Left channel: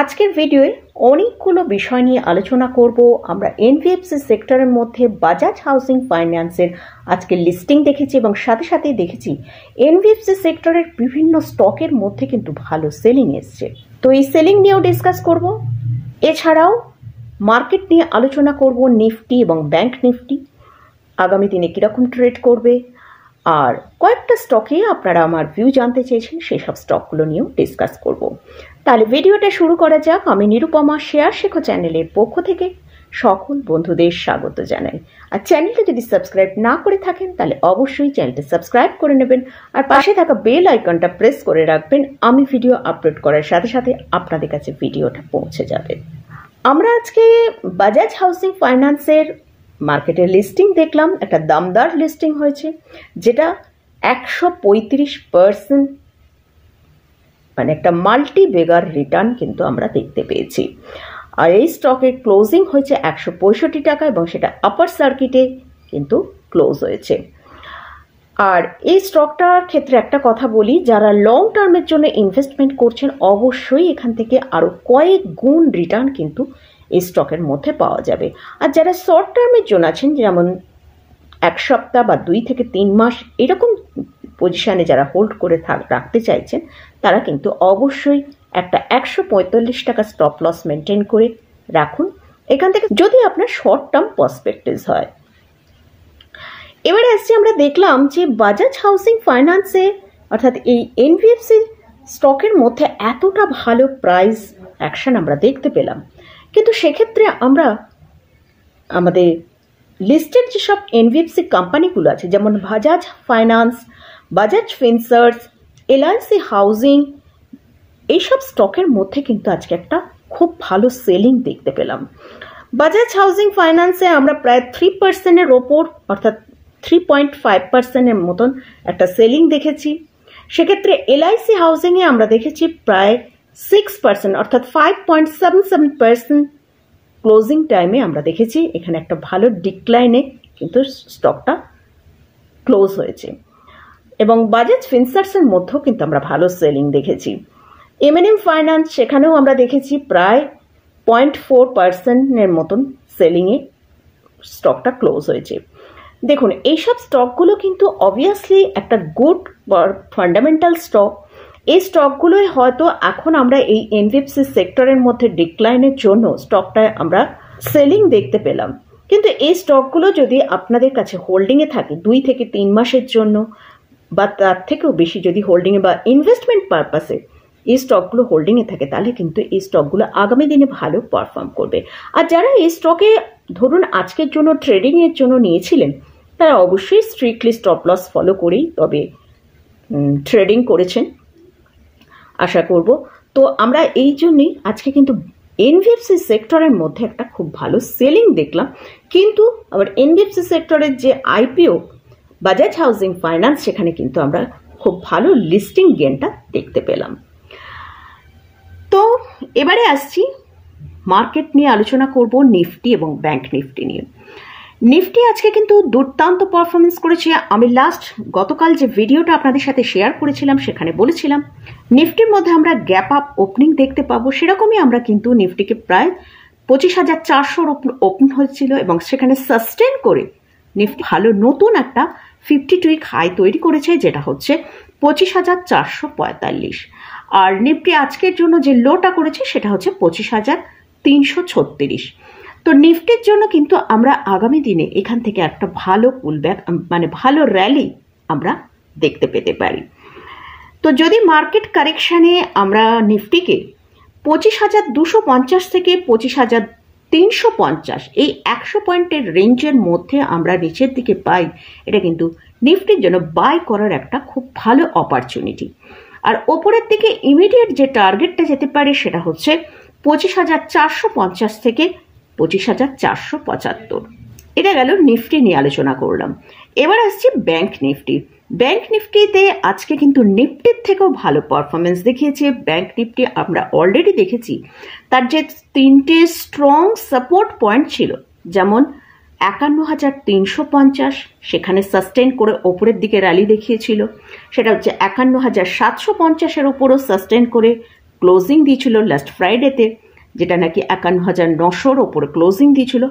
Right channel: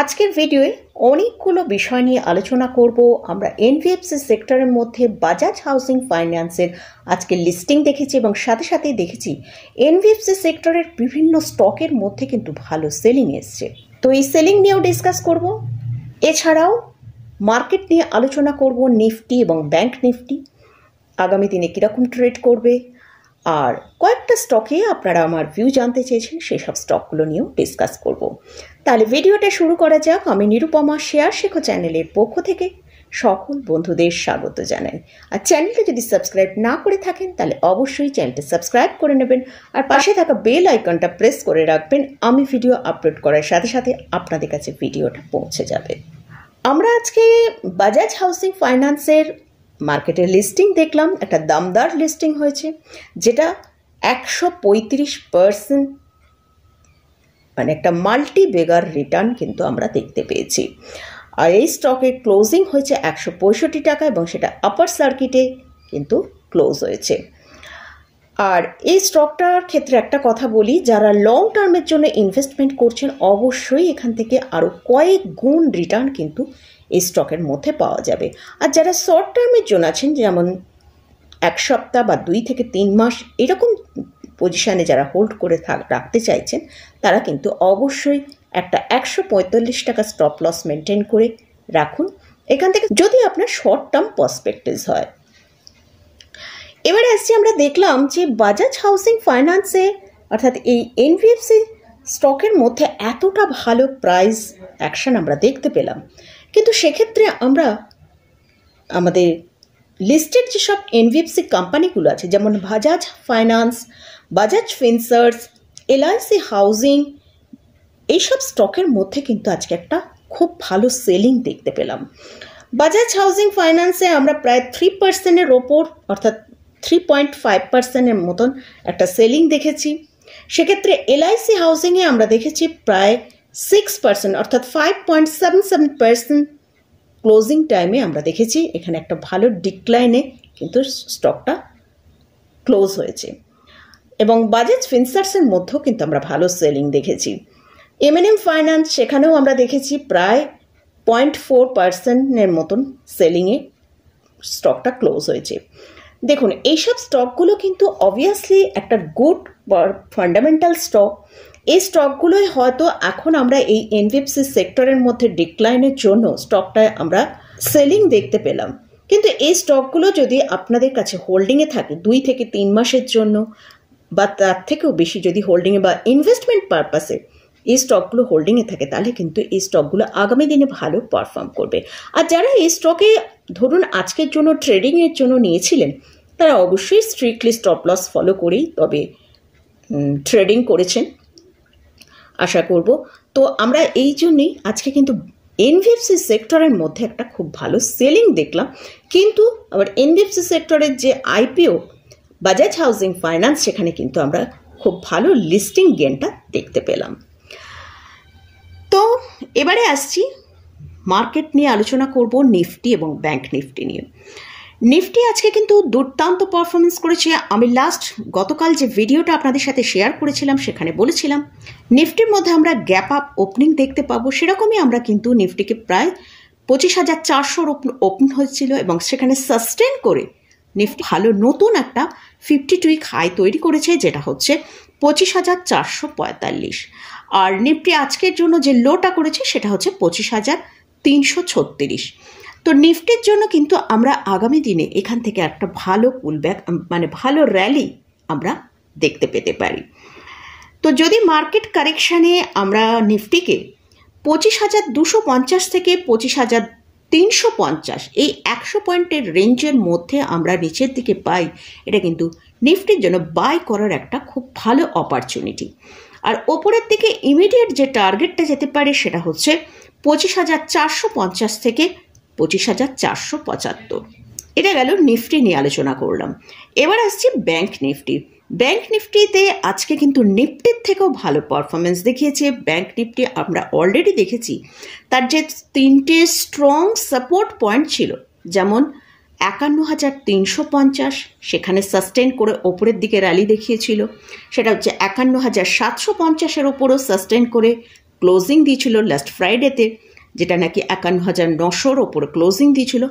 আজকের ভিডিওয়ে অনেকগুলো বিষয় নিয়ে আলোচনা করব। আমরা এনবিএফসি সেক্টরের মধ্যে বাজাজ হাউসিং ফাইন্যান্সের আজকে লিস্টিং দেখেছি এবং সাথে সাথেই দেখেছি এনবিএফসি সেক্টরের বিভিন্ন স্টকের মধ্যে কিন্তু ভালো সেলিং এসছে। তো এই সেলিং নিয়েও ডিসকাস করব। এছাড়াও মার্কেট নিয়ে আলোচনা করব, নিফটি এবং ব্যাংক নিফটি আগামী দিনে কীরকম ট্রেড করবে, আর কয়েকটা স্টকে আপনারা আমার ভিউ জানতে চেয়েছেন, সেই সব স্টকগুলো নিয়েও ডিসকাস করব। তাহলে ভিডিওটা শুরু করা যাক। আমি নিরুপমা শেয়ার শেখো চ্যানেলের পক্ষ থেকে সকল বন্ধুদের স্বাগত জানাই। আর চ্যানেলটা যদি সাবস্ক্রাইব না করে থাকেন তাহলে অবশ্যই চ্যানেলটা সাবস্ক্রাইব করে নেবেন আর পাশে থাকা বেল আইকনটা প্রেস করে রাখবেন। আমি ভিডিও আপলোড করার সাথে সাথে আপনাদের কাছে ভিডিওটা পৌঁছে যাবে। আমরা আজকে বাজাজ হাউসিং ফাইন্যান্সের মার্কেটের লিস্টিং দেখলাম। একটা দামদার লিস্টিং হয়েছে, যেটা 135% মানে একটা মাল্টি বেগার রিটার্ন কিন্তু আমরা দেখতে পেয়েছি। আর এই স্টকের ক্লোজিং হয়েছে 165 টাকা এবং সেটা আপার সার্কিটে কিন্তু ক্লোজ হয়েছে। আর এই স্টকটার ক্ষেত্রে একটা কথা বলি, যারা লং টার্মের জন্য ইনভেস্টমেন্ট করছেন অবশ্যই এখান থেকে আরও কয়েক গুণ রিটার্ন কিন্তু এই স্টকের মধ্যে পাওয়া যাবে। আর যারা শর্ট টার্মের জন্য আছেন, যেমন এক সপ্তাহ বা 2 থেকে 3 মাস এরকম পজিশানে যারা হোল্ড করে রাখতে চাইছেন, তারা কিন্তু অবশ্যই একটা 145 টাকা স্টপ লস মেনটেন করে রাখুন এখান থেকে, যদি আপনার শর্ট টার্ম পার্সপেক্টিভ হয়। এবারে আসছি, আমরা দেখলাম যে বাজাজ হাউসিং ফাইন্যান্সে অর্থাৎ এই এনবিএফসি স্টকের মধ্যে এতটা ভালো প্রাইস অ্যাকশন আমরা দেখতে পেলাম, কিন্তু সেক্ষেত্রে আমরা আমাদের লিস্টেড যেসব এনবিএফসি কোম্পানিগুলো আছে, যেমন Bajaj finance, Bajaj Finserv, LIC housing, এইসব স্টকের মধ্যে কিন্তু আজকে একটা খুব ভালো সেলিং দেখতে পেলাম। বাজাজ হাউসিং ফাইন্যান্সে আমরা প্রায় 3%-এর ওপর অর্থাৎ 3.5%-এর মতন একটা সেলিং দেখেছি। সেক্ষেত্রে এলআইসি হাউজিংয়ে আমরা দেখেছি প্রায় 6% অর্থাৎ 5.77% ক্লোজিং টাইমে আমরা দেখেছি এখানে একটা ভালো ডিক্লাইনে কিন্তু স্টকটা ক্লোজ হয়েছে। এবং বাজাজ ফিনসার্ভসের মধ্যেও কিন্তু আমরা ভালো সেলিং দেখেছি। এমএনএম ফাইন্যান্স, সেখানেও আমরা দেখেছি প্রায় 0.4%-এর মতন সেলিংয়ে স্টকটা ক্লোজ হয়েছে। দেখুন, এইসব স্টকগুলো কিন্তু অবভিয়াসলি একটা গুড ফান্ডামেন্টাল স্টক। এই স্টকগুলোই হয়তো এখন আমরা এই এনবিএফসি সেক্টরের মধ্যে ডিক্লাইনের জন্য স্টকটায় আমরা সেলিং দেখতে পেলাম। কিন্তু এই স্টকগুলো যদি আপনাদের কাছে হোল্ডিংয়ে থাকে 2 থেকে 3 মাসের জন্য বা তার থেকেও বেশি যদি হোল্ডিংয়ে বা ইনভেস্টমেন্ট পারপাসে এই স্টকগুলো হোল্ডিংয়ে থাকে, তাহলে কিন্তু এই স্টকগুলো আগামী দিনে ভালো পারফর্ম করবে। আর যারা এই স্টকে ধরুন আজকের জন্য ট্রেডিংয়ের জন্য নিয়েছিলেন, তারা অবশ্যই স্ট্রিক্টলি স্টপ লস ফলো করেই তবে ট্রেডিং করেছেন আশা করব। তো আমরা এই জন্যই আজকে কিন্তু এনবিএফসি সেক্টরের মধ্যে একটা খুব ভালো সেলিং দেখলাম। কিন্তু আবার এনবিএফসি সেক্টরের যে আইপিও বাজাজ হাউসিং ফাইন্যান্স, সেখানে কিন্তু আমরা খুব ভালো লিস্টিং গেনটা দেখতে পেলাম। তো এবারে আসছি মার্কেট নিয়ে আলোচনা করব, নিফটি এবং ব্যাংক নিফটি নিয়ে। নিফটি আজকে কিন্তু দুর্দান্ত পারফরমেন্স করেছে। আমি গতকাল যে ভিডিওটা আপনাদের সাথে শেয়ার করেছিলাম, সেখানে বলেছিলাম নিফটির মধ্যে আমরা গ্যাপ আপ ওপেনিং দেখতে পাবো। সেরকমই আমরা কিন্তু নিফটিকে প্রায় 25,400 ওপেন হয়েছিল এবং সেখানে সাস্টেন করে নিফটি ভালো নতুন একটা 52 উইক হাই তৈরি করেছে, যেটা হচ্ছে 25,445। আর নিফটি আজকের জন্য যে লোটা করেছে সেটা হচ্ছে 25,336। তো নিফটির জন্য কিন্তু আমরা আগামী দিনে এখান থেকে একটা ভালো পুলব্যাক মানে ভালো র্যালি আমরা দেখতে পেতে পারি। তো যদি মার্কেট কারেকশানে আমরা নিফটিকে 25,250 থেকে 25,350 এই 100 পয়েন্টের রেঞ্জের মধ্যে আমরা নিচের দিকে পাই, এটা কিন্তু নিফটির জন্য বাই করার একটা খুব ভালো অপরচুনিটি। আর ওপরের দিকে ইমিডিয়েট যে টার্গেটটা যেতে পারে সেটা হচ্ছে 25,450 থেকে 25,475। এটা গেল নিফটি নিয়ে আলোচনা করলাম। এবার আসছি ব্যাংক নিফটি। ব্যাংক নিফটিতে আজকে কিন্তু নিফটির থেকেও ভালো পারফরমেন্স দেখিয়েছে। ব্যাংক নিফটি আমরা অলরেডি দেখেছি তার যে 3টে স্ট্রং সাপোর্ট পয়েন্ট ছিল, যেমন 51,350, সেখানে সাস্টেন করে ওপরের দিকে র্যালি দেখিয়েছিল। সেটা হচ্ছে 51,750-এর ওপরও সাস্টেন করে ক্লোজিং দিয়েছিল লাস্ট ফ্রাইডেতে, যেটা নাকি 51,900 ওপরে ক্লোজিং দিয়েছিল।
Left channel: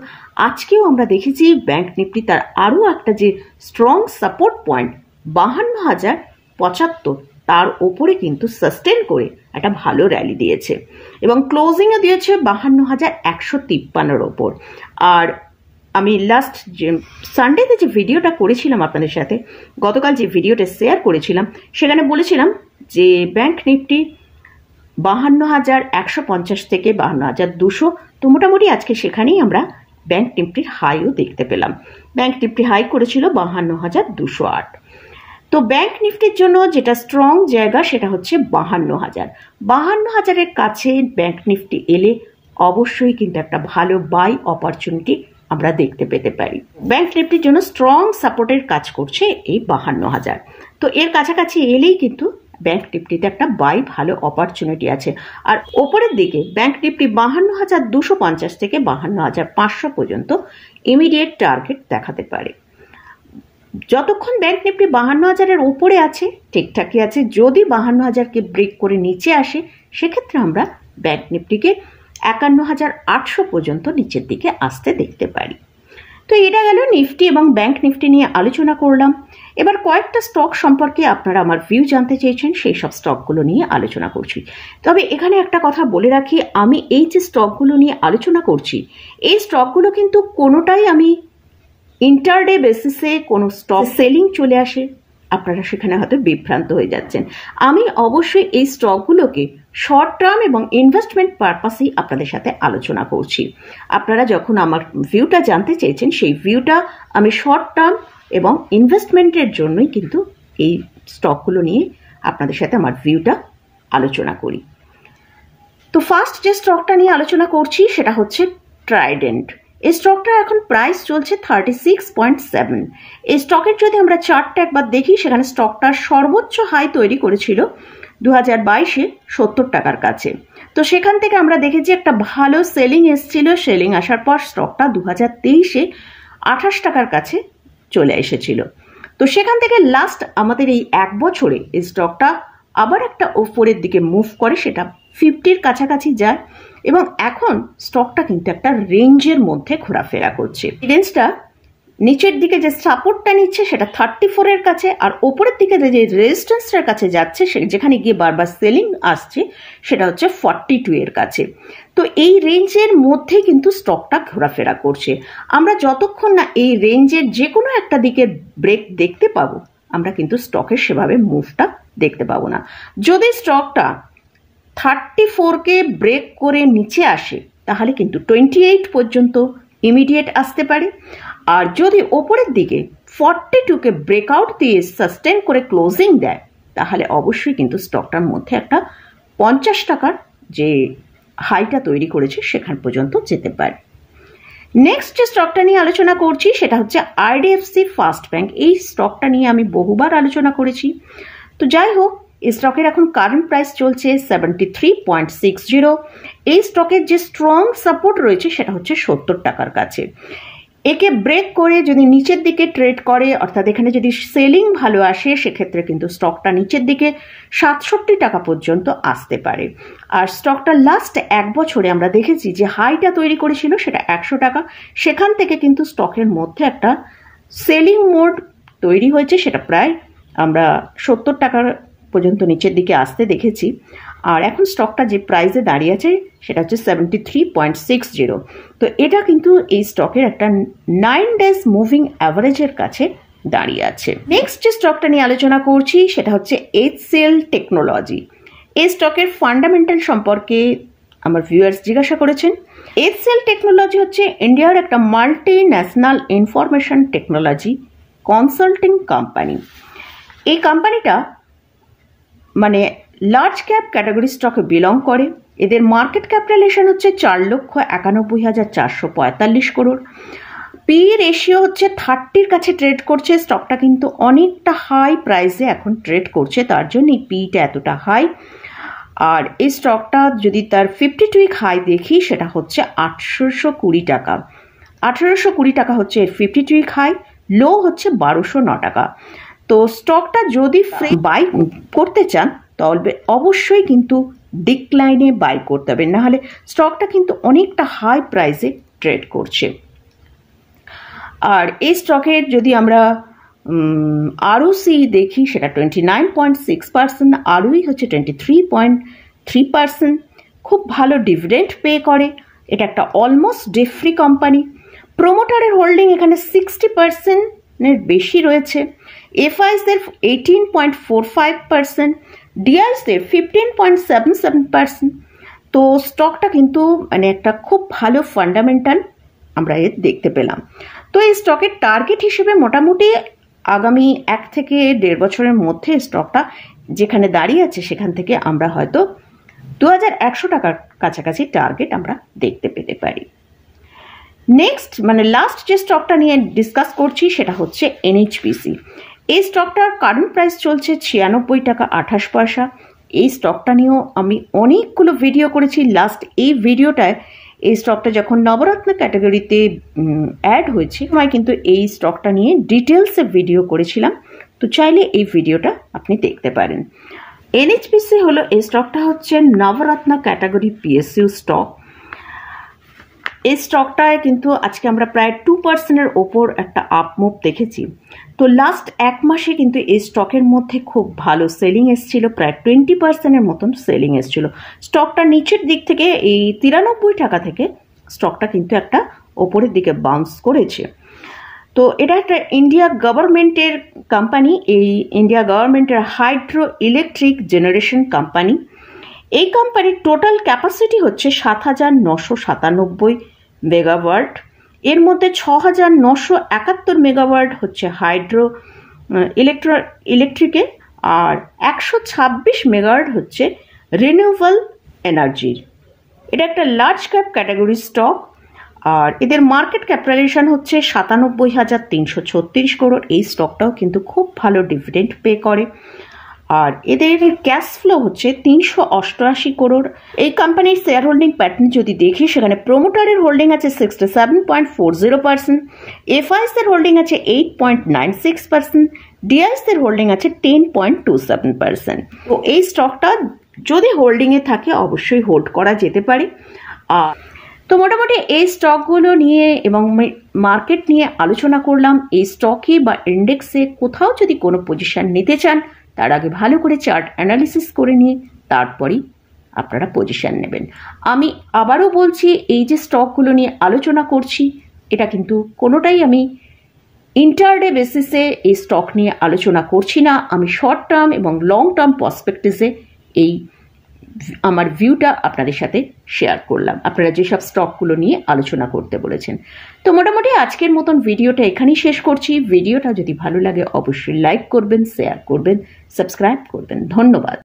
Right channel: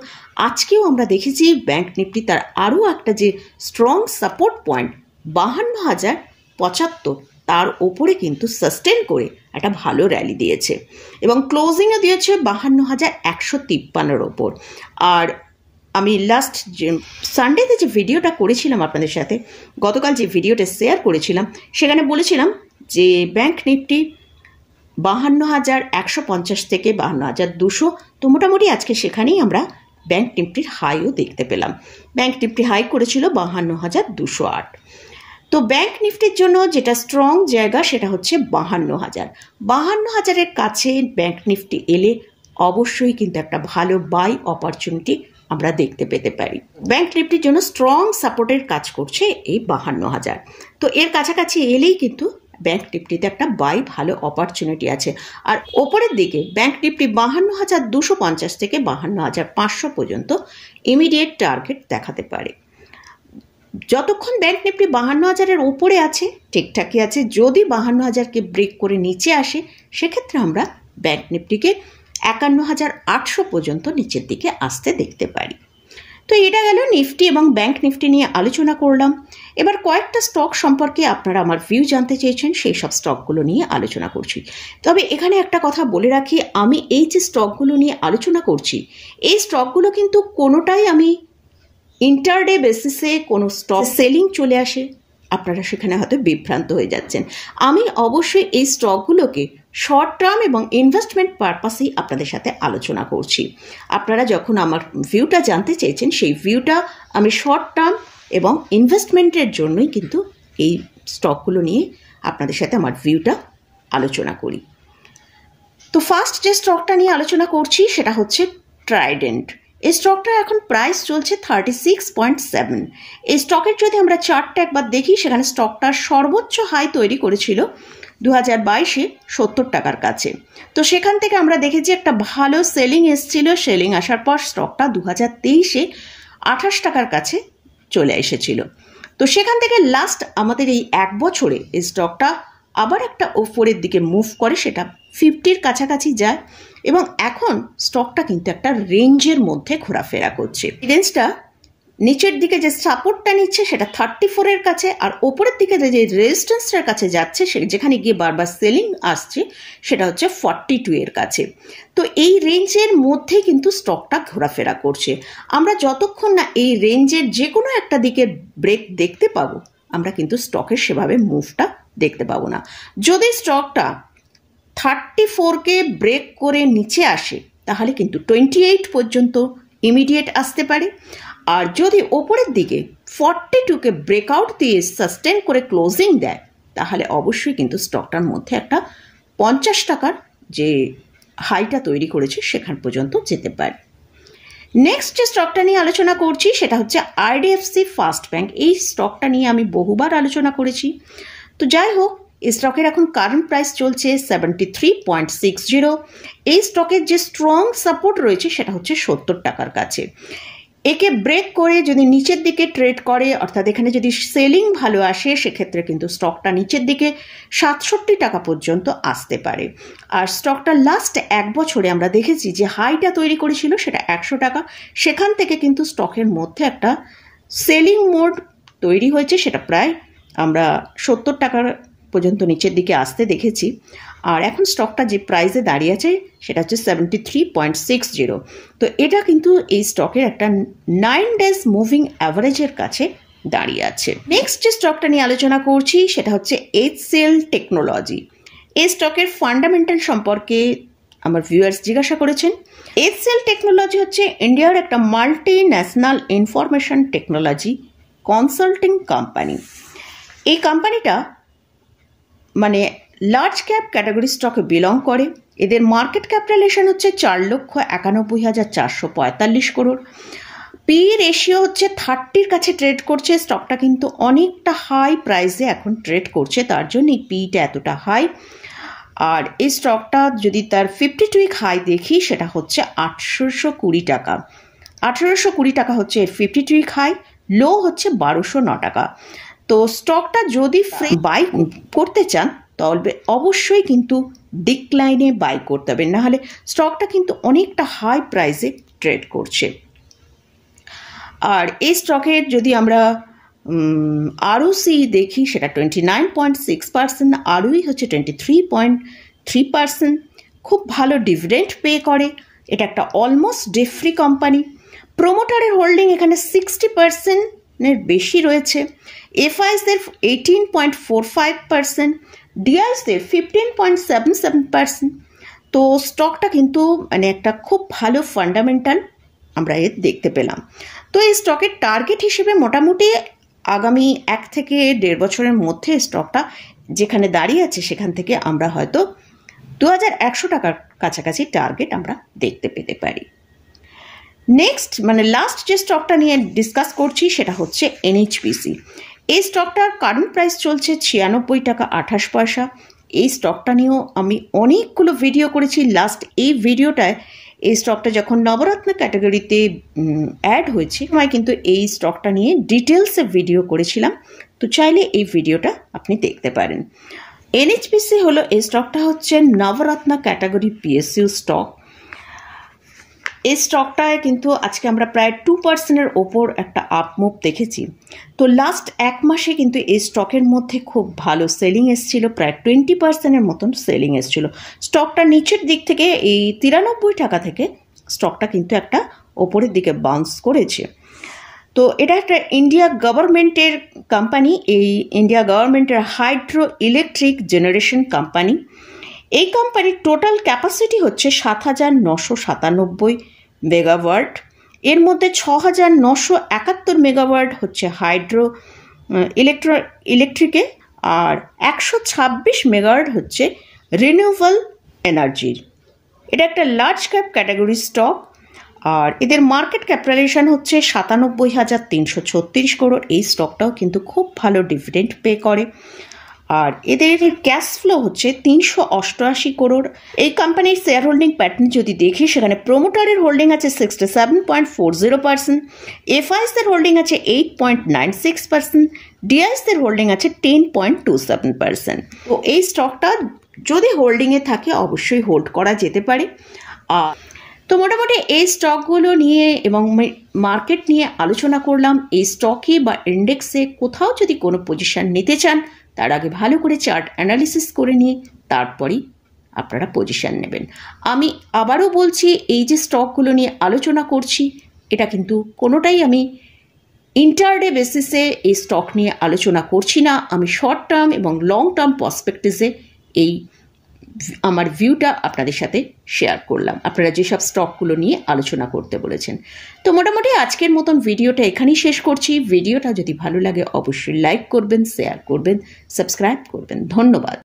আজকেও আমরা দেখেছি ব্যাংক নিফটি তার আরও একটা যে স্ট্রং সাপোর্ট পয়েন্ট 52,075 তার ওপরে কিন্তু সাস্টেন করে একটা ভালো র্যালি দিয়েছে এবং ক্লোজিংও দিয়েছে 52,153 ওপর। আর আমি লাস্ট যে সানডেতে যে ভিডিওটা করেছিলাম আপনাদের সাথে, গতকাল যে ভিডিওটা শেয়ার করেছিলাম, সেখানে বলেছিলাম যে ব্যাংক নিফটি 52,150 থেকে 52,200, তো মোটামুটি আজকে সেখানেই আমরা ব্যাংক নিফটির হাইও দেখতে পেলাম। ব্যাংক নিফটি হাই করেছিল 52,208। তো ব্যাংক নিফটির জন্য যেটা স্ট্রং জায়গা সেটা হচ্ছে 52,000। 52,000-এর কাছে ব্যাংক নিফটি এলে অবশ্যই কিন্তু একটা ভালো বাই অপরচুনিটি আমরা দেখতে পেতে পারি। ব্যাংক নিফটির জন্য স্ট্রং সাপোর্টের কাজ করছে এই 52,000। তো এর কাছাকাছি এলেই কিন্তু ব্যাংক নিফটিতে একটা বাই ভালো অপরচুনিটি আছে। আর ওপরের দিকে ব্যাংক নিফটি 52,250 থেকে 52,500 পর্যন্ত ইমিডিয়েট টার্গেট দেখাতে পারে। যতক্ষণ ব্যাংক নিফটি 52,000-এর উপরে আছে ঠিকঠাকই আছে। যদি 52,000-কে ব্রেক করে নিচে আসে সেক্ষেত্রে আমরা ব্যাংক নিফটিকে 51,800 পর্যন্ত নিচের দিকে আসতে দেখতে পারি। তো এটা গেল নিফটি এবং ব্যাংক নিফটি নিয়ে আলোচনা করলাম। এবার কয়েকটা স্টক সম্পর্কে আপনারা আমার ভিউ জানতে চেয়েছেন, সেই সব স্টকগুলো নিয়ে আলোচনা করছি। তবে এখানে একটা কথা বলে রাখি, আমি এই যে স্টকগুলো নিয়ে আলোচনা করছি, এই স্টকগুলো কিন্তু কোনোটাই আমি ইন্টারডে বেসিসে কোনো স্টক সেলিং চলে আসে আপনারা সেখানে হয়তো বিভ্রান্ত হয়ে যাচ্ছেন। আমি অবশ্যই এই স্টকগুলোকে শর্ট টার্ম এবং ইনভেস্টমেন্ট পারপাসেই আপনাদের সাথে আলোচনা করছি। আপনারা যখন আমার ভিউটা জানতে চেয়েছেন, সেই ভিউটা আমি শর্ট টার্ম এবং ইনভেস্টমেন্টের জন্যই কিন্তু এই স্টকগুলো নিয়ে আপনাদের সাথে আমার ভিউটা আলোচনা করি। তো ফার্স্ট যে স্টকটা নিয়ে আলোচনা করছি সেটা হচ্ছে ট্রাইডেন্ট। এই স্টকটা এখন প্রাইস চলছে 36.7। এই স্টকের যদি আমরা চার্টটা একবার দেখি, সেখানে স্টকটার সর্বোচ্চ হাই তৈরি করেছিল 2022-এ 70 টাকার কাছে। তো সেখান থেকে আমরা দেখেছি একটা ভালো সেলিং এসেছিল। সেলিং আসার পর স্টকটা 2023-এ 28 টাকার কাছে চলে এসেছিল। তো সেখান থেকে লাস্ট আমাদের এই এক বছরে এই স্টকটা আবার একটা ওপরের দিকে মুভ করে, সেটা 50-র কাছাকাছি যায় এবং এখন স্টকটা কিন্তু একটা রেঞ্জের মধ্যে ঘোরাফেরা করছে। রেঞ্জটা নিচের দিকে যে সাপোর্টটা নিচ্ছে সেটা 34-এর কাছে, আর ওপরের দিকে যে রেজিস্ট্যান্সটার কাছে যাচ্ছে যেখানে গিয়ে বারবার সেলিং আসছে সেটা হচ্ছে 42-এর কাছে। তো এই রেঞ্জের মধ্যেই কিন্তু স্টকটা ঘোরাফেরা করছে। আমরা যতক্ষণ না এই রেঞ্জের যে কোনো একটা দিকে ব্রেক দেখতে পাবো, আমরা কিন্তু স্টকের সেভাবে মুভটা দেখতে পাবো না। যদি স্টকটা 34-কে ব্রেক করে নিচে আসে তাহলে কিন্তু 28 পর্যন্ত ইমিডিয়েট আসতে পারে। আর যদি ওপরের দিকে 42-কে ব্রেকআউট দিয়ে সাস্টেন করে ক্লোজিং দেয় তাহলে অবশ্যই কিন্তু স্টকটার মধ্যে একটা 50 টাকার যে হাইটা তৈরি করেছে সেখান পর্যন্ত যেতে পারে। নেক্সট যে স্টকটা নিয়ে আলোচনা করছি সেটা হচ্ছে আইডিএফসি ফার্স্ট ব্যাংক। এই স্টকটা নিয়ে আমি বহুবার আলোচনা করেছি। তো যাই হোক, এই স্টকের এখন কারেন্ট প্রাইস চলছে 73.60। এই স্টকের যে স্ট্রং সাপোর্ট রয়েছে সেটা হচ্ছে 70 টাকার কাছে। একে ব্রেক করে যদি নিচের দিকে ট্রেড করে, অর্থাৎ এখানে যদি সেলিং ভালো আসে, সেক্ষেত্রে কিন্তু স্টকটা নিচের দিকে 67 টাকা পর্যন্ত আসতে পারে। আর স্টকটা লাস্ট এক বছরে আমরা দেখেছি যে হাইটা তৈরি করেছিল সেটা 100 টাকা। সেখান থেকে কিন্তু স্টকের মধ্যে একটা সেলিং মোড তৈরি হয়েছে, সেটা প্রায় আমরা 70 টাকার পর্যন্ত নিচের দিকে আসতে দেখেছি। আর এখন স্টকটা যে প্রাইসে দাঁড়িয়ে আছে সেটা হচ্ছে 73.60। তো এটা কিন্তু এই স্টকের একটা 9 ডেজ মুভিং অ্যাভারেজের কাছে দাঁড়িয়ে আছে। নেক্সট যে স্টকটা নিয়ে আলোচনা করছি সেটা হচ্ছে HCL টেকনোলজি। এই স্টকের ফান্ডামেন্টাল সম্পর্কে আমার ভিউয়ার্স জিজ্ঞাসা করেছেন। HCL টেকনোলজি হচ্ছে ইন্ডিয়ার একটা multi national information technology consulting company. এই কোম্পানিটা মানে লার্জ ক্যাপ ক্যাটাগরি স্টকে বিলং করে। এদের মার্কেট ক্যাপিটালাইজেশন হচ্ছে 4,91,445 করোড়। পি রেশিও হচ্ছে 30-র কাছে ট্রেড করছে। স্টকটা কিন্তু অনেকটা হাই প্রাইসে এখন ট্রেড করছে, তার জন্য এই পিটা এতটা হাই। আর এই স্টকটা যদি তার 52 উইক হাই দেখি সেটা হচ্ছে 820 টাকা। 1820 টাকা হচ্ছে এর 52 উইক হাই, লো হচ্ছে 1209 টাকা। তো স্টকটা যদি ফ্রি বাই করতে চান তবে অবশ্যই কিন্তু ডিক্লাইনে বাই করতে হবে, নাহলে স্টকটা কিন্তু অনেকটা হাই প্রাইসে ট্রেড করছে। আর এই স্টকের যদি আমরা আরওসি দেখি সেটা 29.6%, আরওই হচ্ছে 23.3%। খুব ভালো ডিভিডেন্ড পে করে, এটা একটা অলমোস্ট ডেট ফ্রি কোম্পানি। প্রোমোটারের হোল্ডিং এখানে 60%-এর বেশি রয়েছে। এফআইসদের 18.45%, ডিআইসদের 15.77%। তো স্টকটা কিন্তু মানে একটা খুব ভালো ফান্ডামেন্টাল আমরা এর দেখতে পেলাম। তো এই স্টকের টার্গেট হিসেবে মোটামুটি আগামী 1 থেকে 1.5 বছরের মধ্যে স্টকটা যেখানে দাঁড়িয়ে আছে সেখান থেকে আমরা হয়তো 2100 টাকার কাছাকাছি টার্গেট আমরা দেখতে পেতে পারি। নেক্সট মানে লাস্ট যে স্টকটা নিয়ে ডিসকাস করছি সেটা হচ্ছে এনএইচপিসি। এই স্টকটার কারেন্ট প্রাইস চলছে 96 টাকা 28 পয়সা। এই স্টকটা নিয়েও আমি অনেকগুলো ভিডিও করেছি। লাস্ট এই ভিডিওটায় এই স্টকটা যখন নবরত্ন ক্যাটাগরিতে অ্যাড হয়েছে আমি কিন্তু এই স্টকটা নিয়ে ডিটেলসে ভিডিও করেছিলাম, তো চাইলে এই ভিডিওটা আপনি দেখতে পারেন। এনএইচপিসি হলো এই স্টকটা হচ্ছে নবরত্ন ক্যাটাগরি পিএসইউ স্টক। এই স্টকটায় কিন্তু আজকে আমরা প্রায় 2%-এর ওপর একটা আপ মুভ দেখেছি। তো লাস্ট 1 মাসে কিন্তু এই স্টকের মধ্যে খুব ভালো সেলিং এসেছিল, প্রায় 20%-এর মতন সেলিং এসেছিল। স্টকটা নিচের দিক থেকে এই 93 টাকা থেকে স্টকটা কিন্তু একটা ওপরের দিকে বাউন্স করেছে। তো এটা একটা ইন্ডিয়া গভর্নমেন্টের কোম্পানি, এই ইন্ডিয়া গভর্নমেন্টের হাইড্রো ইলেকট্রিক জেনারেশন কোম্পানি। এই কোম্পানির টোটাল ক্যাপাসিটি হচ্ছে 7997 মেগাওয়াট। এর মধ্যে 6971 মেগাওয়াট হচ্ছে হাইড্রো ইলেকট্রিকে, আর 126 মেগাওয়াট হচ্ছে রিনিউয়েবল এনার্জির। এটা একটা লার্জ ক্যাপ ক্যাটাগরি স্টক, আর এদের মার্কেট ক্যাপিটালাইজেশন হচ্ছে 97,336 করোড়। এই স্টকটাও কিন্তু খুব ভালো ডিভিডেন্ড পে করে, আর এদের ক্যাশ ফ্লো হচ্ছে 388 করোড়। এই কোম্পানির শেয়ার হোল্ডিং প্যাটার্ন যদি দেখি সেখানে প্রোমোটারের হোল্ডিং আছে 67.40%, এফআইসদের হোল্ডিং আছে 8.96%, ডিআইসদের হোল্ডিং আছে 10.27%। তো এই স্টকটা যদি হোল্ডিংয়ে থাকে অবশ্যই হোল্ড করা যেতে পারে। তো মোটামুটি এই স্টকগুলো নিয়ে এবং মার্কেট নিয়ে আলোচনা করলাম। এই স্টকে বা ইন্ডেক্সে কোথাও যদি কোনো পজিশন নিতে চান তার আগে ভালো করে চার্ট অ্যানালিসিস করে নিয়ে তারপরেই আপনারা পজিশন নেবেন। আমি আবারও বলছি, এই যে স্টকগুলো নিয়ে আলোচনা করছি এটা কিন্তু কোনোটাই আমি ইন্টারডে বেসিসে এই স্টক নিয়ে আলোচনা করছি না। আমি শর্ট টার্ম এবং লং টার্ম পার্সপেক্টিভে এই আমার ভিউটা আপনাদের সাথে শেয়ার করলাম, আপনারা যেসব স্টকগুলো নিয়ে আলোচনা করতে বলেছেন। তো মোটামুটি আজকের মতন ভিডিওটা এখানেই শেষ করছি। ভিডিওটা যদি ভালো লাগে অবশ্যই লাইক করবেন, শেয়ার করবেন, সাবস্ক্রাইব করবেন। ধন্যবাদ।